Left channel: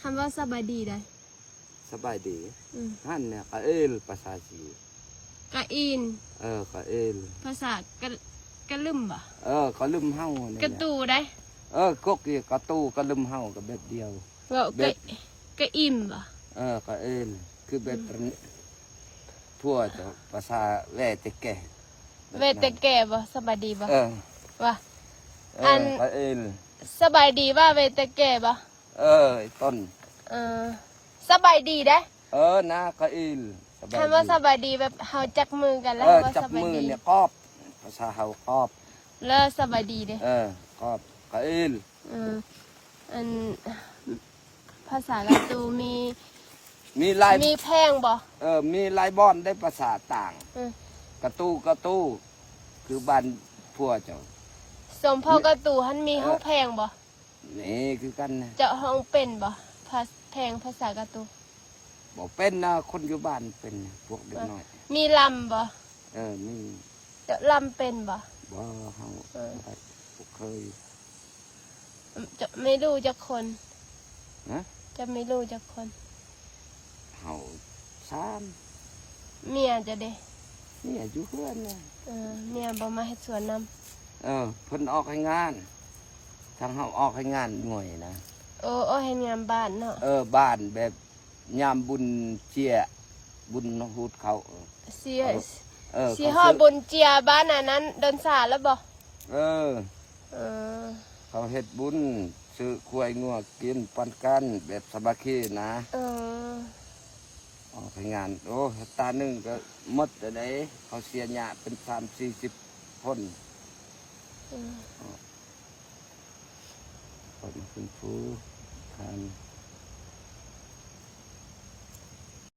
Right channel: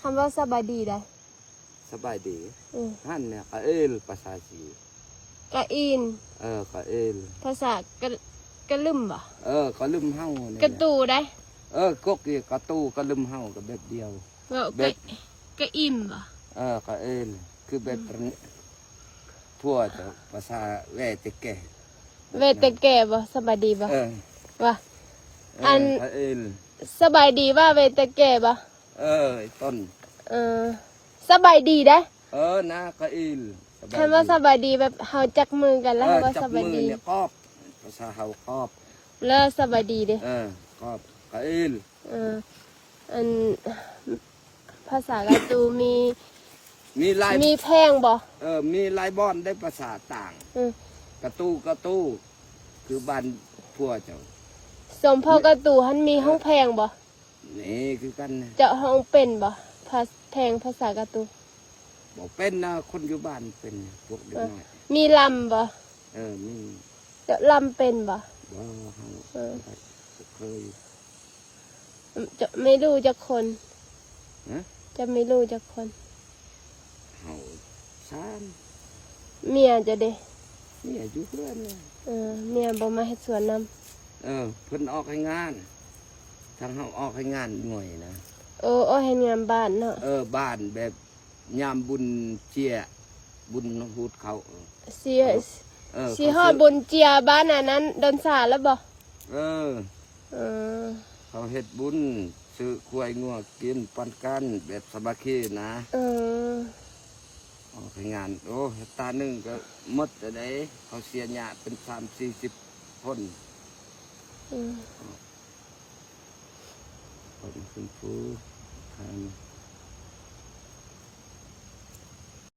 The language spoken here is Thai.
คำว่าสบายดีได้สบายดีท่านเนี่ยกะเอลภาษาจีกะอินกะเอลภาษากะลึมบ่กะลืมเฮาเนี่ยกะตูได้กกกะตูกะลืมเฮากับแบบเดียวแบบกะอิ่มบ่กะเอลคือแบบนี้พวกภาษาแวแต่แก่เวแต่แก่บ่สบายดีบ่ว่าอันกะเอลสบายดีว่าเวแต่แก่บ่ต้นสบายดีได้นะกะเอลคำว่าสบายดีแบบเฮาจับมือกันแล้วว่าจับมือเนี่ยกอบภาษาเฮากอบแล้วสบายดีเด้กอบกะเอลอันภาษากะตูมีลายมีแพงบ่มีลายบอนได้ภาษาต่างกะตูคือบ้านพวกเจ้าสมพ่อกะตูหันมีห้องแพงบ่นี่คือกันนะเจ้าห้องเป็นบ่แพงภาษากะตูบอกเป็นนะคนอยู่บ้านเป็นพวกเด็กน้อยมีลำบ่มีเจ้าลำเป็นบ่เฮาเคยจะไม่รู้จักคนนะจะไม่รู้จักคนเฮาเมียจะเด้เมียอยู่เพื่อนนะเมียบ่มาเฮ็ดสวนนำเพิ่นออกให้งานทางเฮาออกให้งานหน่วยนะให้งานบ้านเนาะบ้านแบบยามบุญเจียบุญฮูดเขาสิฮอดบุญเจียบ้านนั้นดอนสาแล้วบ่เขาเฮ็ดบุญซื้อควายงัวกินปันกันแบบสามัคคีนะออกให้งานตาหนึ่งก็หมดได้เขาเสียหยาเป็น30-40คนคนขึ้นฟูทาน